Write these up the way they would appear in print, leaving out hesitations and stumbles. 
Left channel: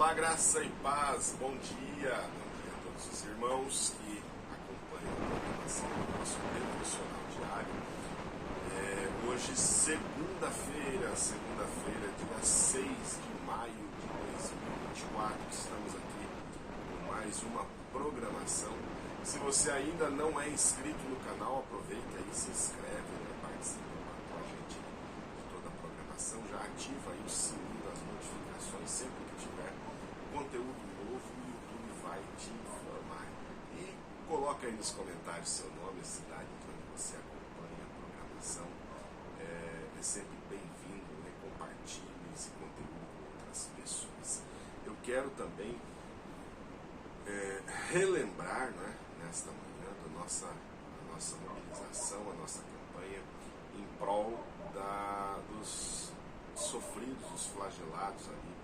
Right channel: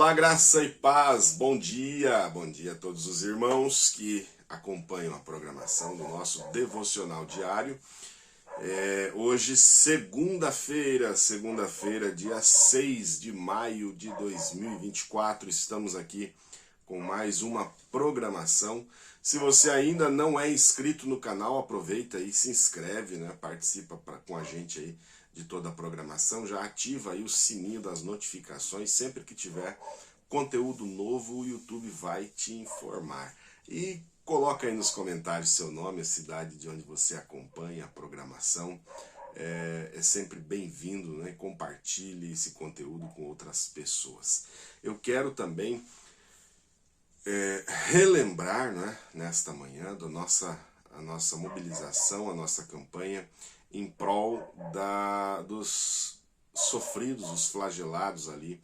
Olá, graça e paz, bom dia a todos os irmãos que acompanham a programação do nosso devocional diário. Hoje, segunda-feira, dia 6 de maio de 2024, estamos aqui com mais uma programação. Se você ainda não é inscrito no canal, aproveita e se inscreve, né? Participa com a gente aí de toda a programação, já ativa aí o sininho das notificações, sempre que tiver conteúdo novo o YouTube vai te informar. E coloca aí nos comentários seu nome, a cidade de onde você acompanha a programação, é sempre bem-vindo, né? Compartilhe esse conteúdo com outras pessoas. Eu quero também relembrar, né, nesta manhã a nossa mobilização, a nossa campanha em prol dos sofridos, os flagelados ali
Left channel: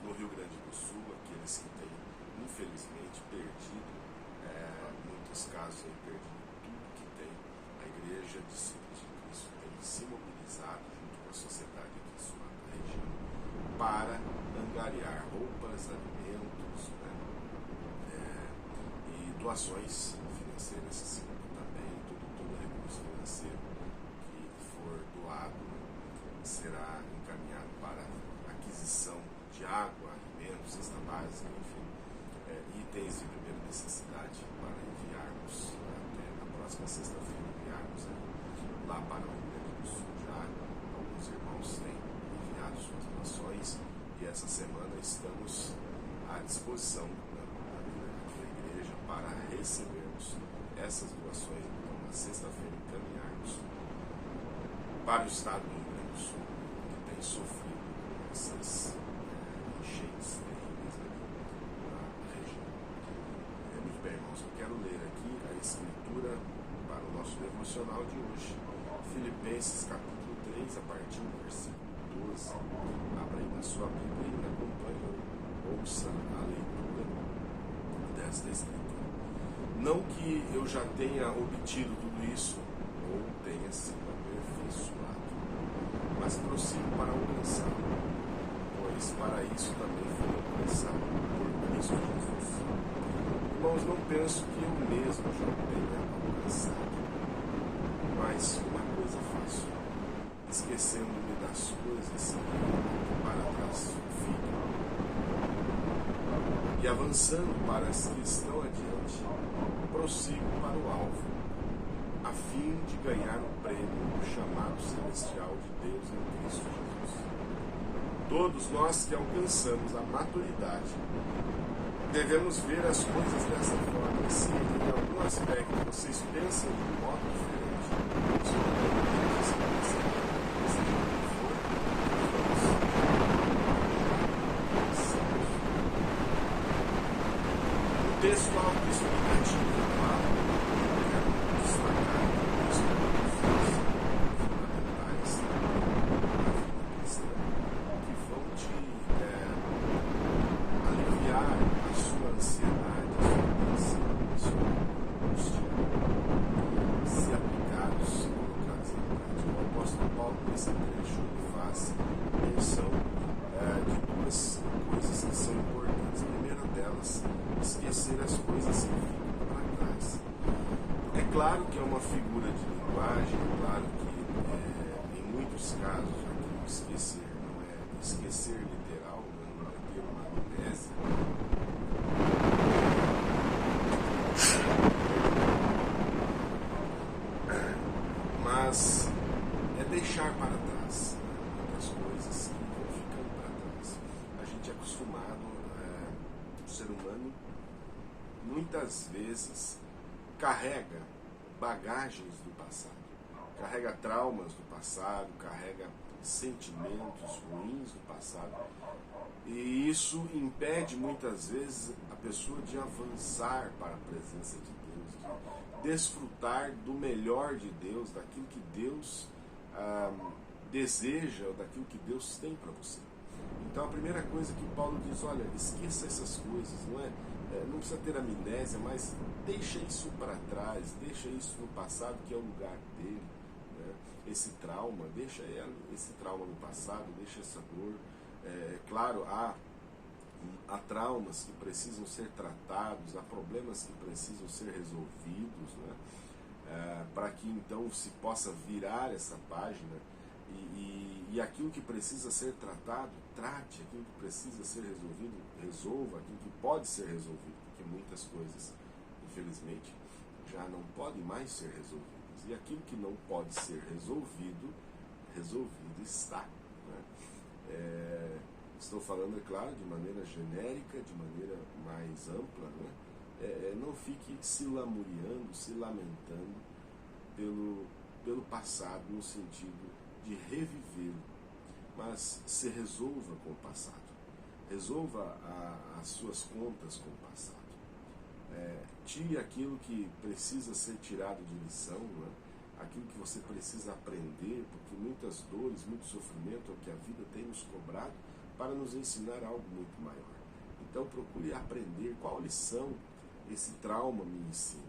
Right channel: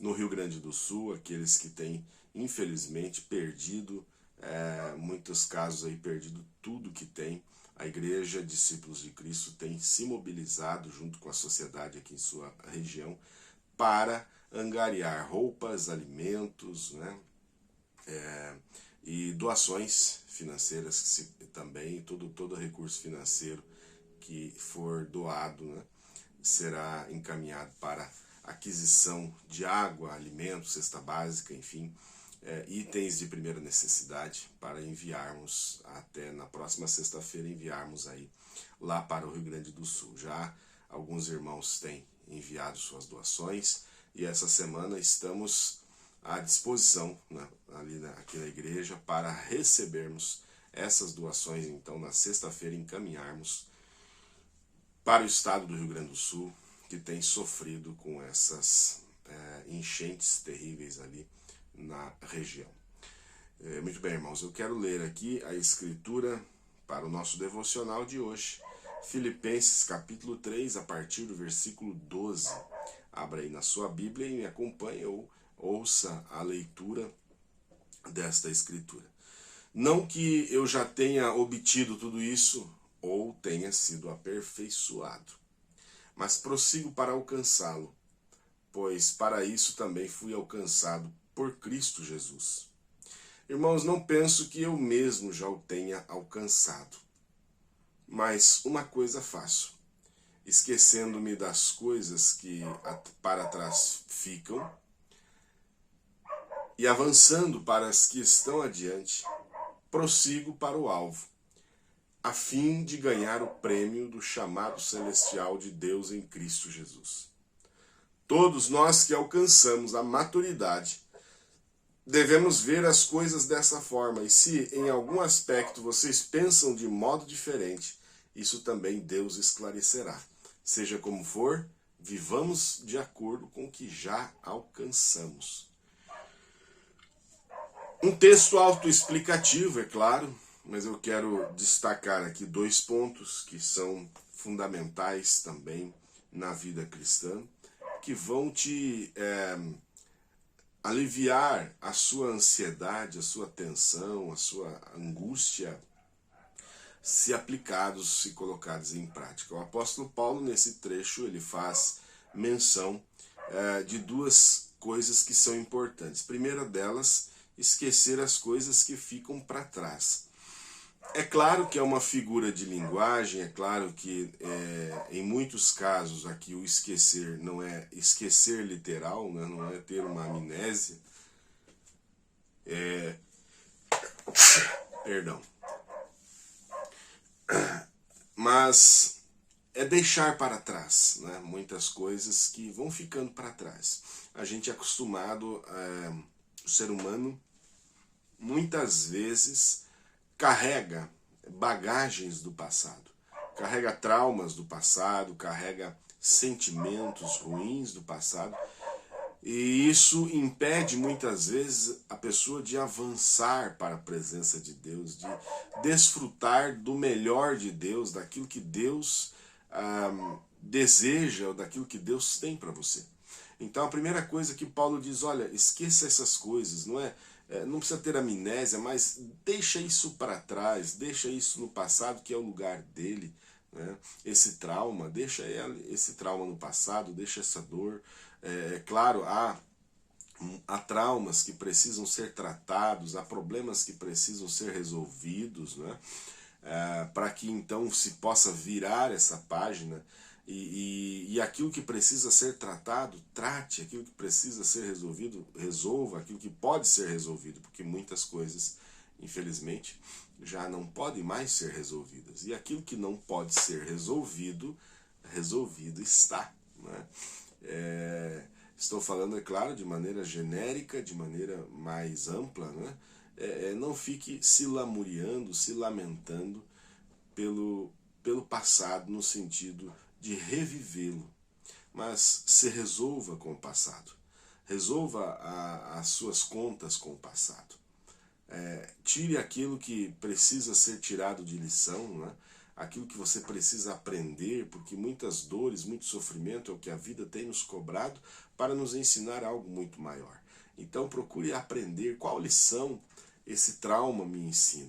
no Rio Grande do Sul, aqueles que têm infelizmente perdido, muitos casos aí perdido tudo que tem. A Igreja Discípulos de Cristo tem se mobilizado junto com a sociedade aqui em sua região para angariar roupas, alimentos, né, e doações financeiras também, todo recurso financeiro que for doado, né, será encaminhado para aquisição de água, alimentos, cesta básica, enfim, itens de primeira necessidade para enviarmos até na próxima sexta-feira, enviarmos aí lá para o Rio Grande do Sul. Já alguns irmãos têm enviado suas doações e essa semana estamos à disposição, né, aqui na igreja para recebermos essas doações, então na sexta-feira encaminharmos para o estado do Rio Grande do Sul, que tem sofrido com essas enchentes terríveis ali na região. Muito bem, irmãos, eu quero ler aqui a escritura para o nosso devocional de hoje, Filipenses capítulo 3, a partir do versículo 12. Abra aí na sua Bíblia e me acompanhe ou ouça a leitura desta escritura. Não que eu já tenha obtido tudo isso ou tenha sido aperfeiçoado, mas prossigo para alcançá-lo, pois para isso também fui alcançado por Cristo Jesus. Irmãos, não penso que eu mesmo já o tenha alcançado, mas uma coisa faço, esquecendo-me das coisas que para trás ficam e avançando para as que estão adiante, prossigo para o alvo, a fim de ganhar o prêmio do chamado celestial de Deus em Cristo Jesus. Todos nós que alcançamos a maturidade devemos ver as coisas dessa forma, e se em algum aspecto vocês pensam de modo diferente, isso também Deus esclarecerá. Seja como for, vivamos de acordo com o que já alcançamos. Um texto autoexplicativo, é claro, mas eu quero destacar aqui dois pontos que são fundamentais também na vida cristã, que vão te aliviar a sua ansiedade, a sua tensão, a sua angústia, se aplicados, se colocados em prática. O apóstolo Paulo, nesse trecho, ele faz menção de duas coisas que são importantes. A primeira delas, esquecer as coisas que ficam para trás. É claro que é uma figura de linguagem, é claro que em muitos casos aqui o esquecer não é esquecer literal, né? Não é ter uma amnésia, mas é deixar para trás, né? Muitas coisas que vão ficando para trás. A gente é acostumado, o ser humano muitas vezes carrega bagagens do passado, carrega traumas do passado, carrega sentimentos ruins do passado, e isso impede muitas vezes a pessoa de avançar para a presença de Deus, de desfrutar do melhor de Deus, daquilo que Deus deseja, ou daquilo que Deus tem para você. Então a primeira coisa que Paulo diz, olha, esqueça essas coisas, não precisa ter amnésia, mas deixa isso para trás, deixa isso no passado, que é o lugar dele, né? Esse trauma, deixa esse trauma no passado, deixa essa dor. Claro, há há traumas que precisam ser tratados, há problemas que precisam ser resolvidos, né? Para que então se possa virar essa página e aquilo que precisa ser tratado, trate, aquilo que precisa ser resolvido, resolva, aquilo que pode ser resolvido, porque muitas coisas, infelizmente, já não podem mais ser resolvidas. E aquilo que não pode ser resolvido, resolvido está, né? Estou falando, é claro, de maneira genérica, de maneira mais ampla, né? Não fique se lamuriando, se lamentando pelo passado, no sentido de revivê-lo, mas se resolva com o passado, resolva as suas contas com o passado, tire aquilo que precisa ser tirado de lição, né? Aquilo que você precisa aprender, porque muitas dores, muito sofrimento é o que a vida tem nos cobrado para nos ensinar algo muito maior. Então procure aprender qual lição esse trauma me ensina,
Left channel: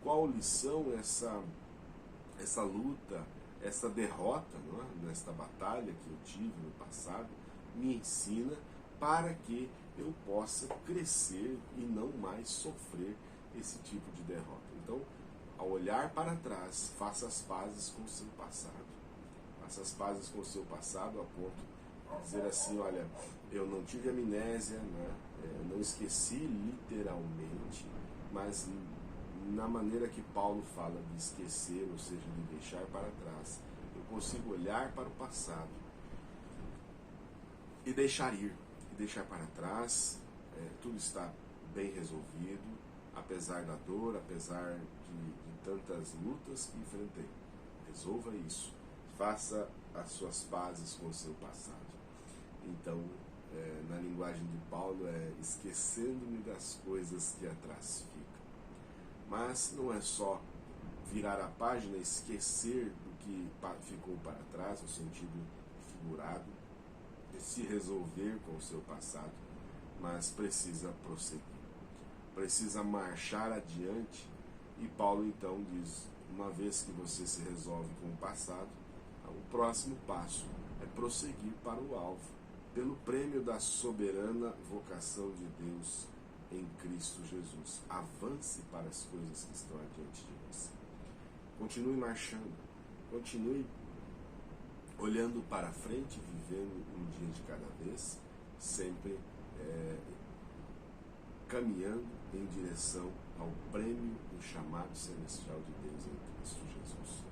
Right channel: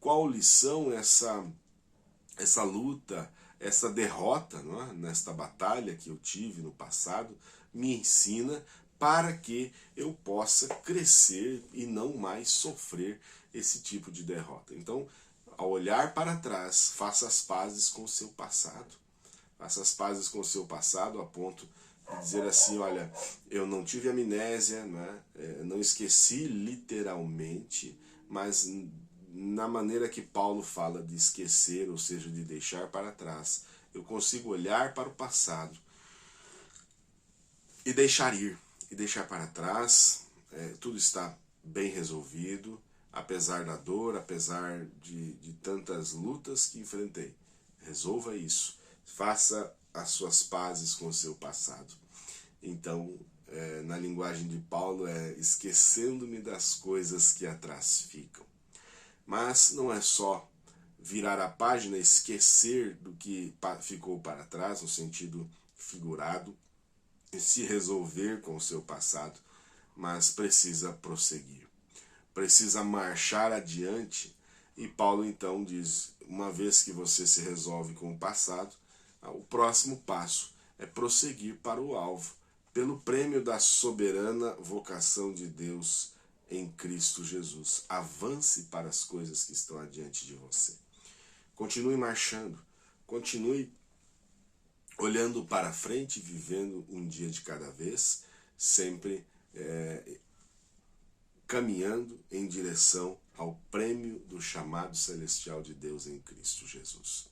qual lição essa luta, essa derrota, não é? Nesta batalha que eu tive no passado, me ensina para que eu possa crescer e não mais sofrer esse tipo de derrota. Então, ao olhar para trás, faça as pazes com o seu passado. Faça as pazes com o seu passado a ponto de dizer assim, olha, eu não tive amnésia, né? Não esqueci literalmente, mas na maneira que Paulo fala de esquecer, ou seja, de deixar para trás, eu consigo olhar para o passado e deixar ir, e deixar para trás, tudo está bem resolvido, apesar da dor, apesar de tantas lutas que enfrentei. Resolva isso, faça as suas pazes com o seu passado. Então, na linguagem de Paulo, esquecendo-me das coisas que atrás ficam. Mas não é só virar a página, esquecer do que ficou para trás, no sentido figurado, e se resolver com o seu passado, mas precisa prosseguir, precisa marchar adiante. E Paulo então diz, uma vez que você se resolve com o passado, o próximo passo é prosseguir para o alvo, pelo prêmio da soberana vocação de Deus em Cristo Jesus. Avance para as coisas que estão adiante de você. Continue marchando, continue olhando para frente, vivendo um dia de cada vez, sempre caminhando em direção ao prêmio do chamado celestial de Deus em Cristo Jesus.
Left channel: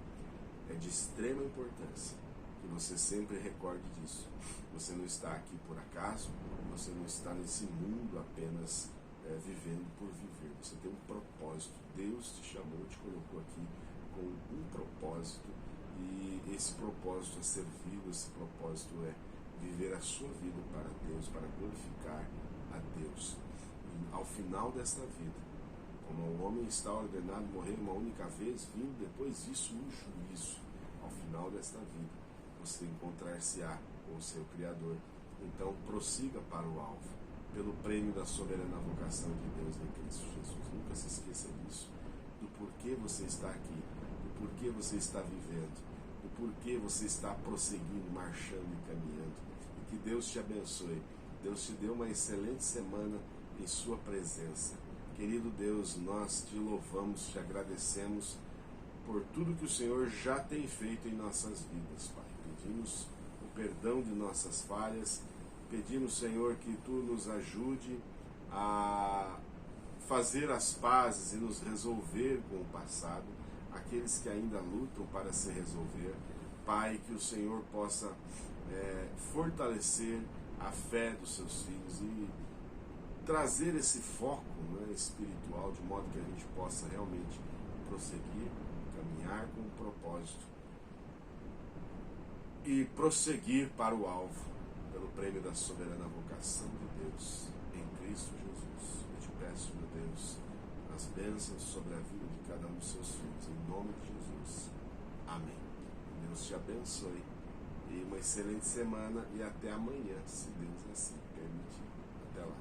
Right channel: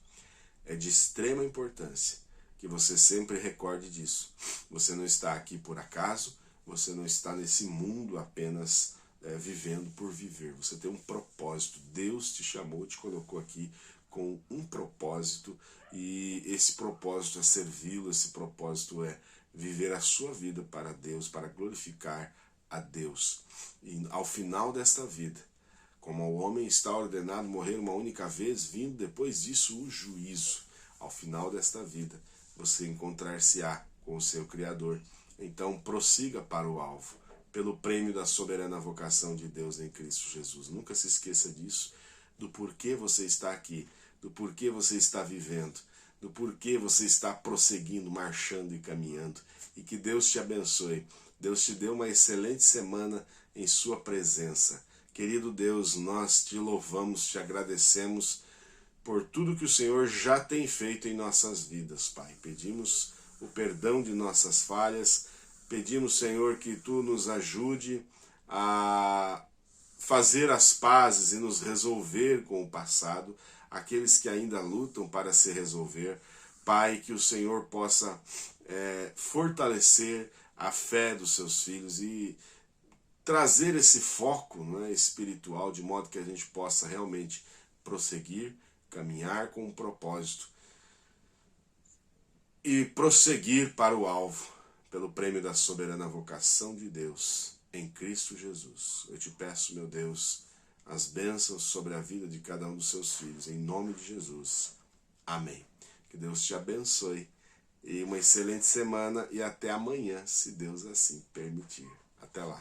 É de extrema importância que você sempre recorde disso. Você não está aqui por acaso, você não está nesse mundo apenas vivendo por viver. Você tem um propósito. Deus te chamou, te colocou aqui com um propósito, e esse propósito é servi-lo, esse propósito é viver a sua vida para Deus, para glorificar a Deus. E ao final desta vida, como o homem está ordenado morrer uma única vez, vindo depois disso o juízo, ao final desta vida, você encontrar-se-á com o seu Criador. Então prossiga para o alvo, pelo prêmio da soberana vocação de Deus em Cristo Jesus. Nunca se esqueça disso, do porquê você está aqui, do porquê você está vivendo, do porquê você está prosseguindo, marchando e caminhando. E que Deus te abençoe. Deus te dê uma excelente semana em sua presença. Querido Deus, nós te louvamos, te agradecemos por tudo que o Senhor já tem feito em nossas vidas, Pai. Pedimos o perdão de nossas falhas, pedimos, Senhor, que Tu nos ajude a fazer as pazes e nos resolver com o passado, aqueles que ainda lutam para se resolver. Pai, que o Senhor possa fortalecer a fé dos seus filhos e trazer esse foco, não é, espiritual, de modo que a gente possa realmente prosseguir, caminhar com um propósito e prosseguir para o alvo, pelo prêmio da soberana vocação de Deus em Cristo Jesus. Eu te peço, meu Deus, as bênçãos sobre a vida de cada um dos seus filhos, em nome de Jesus. Amém. Que Deus te abençoe e uma excelente semana, e até amanhã, se Deus assim permitir. Até lá.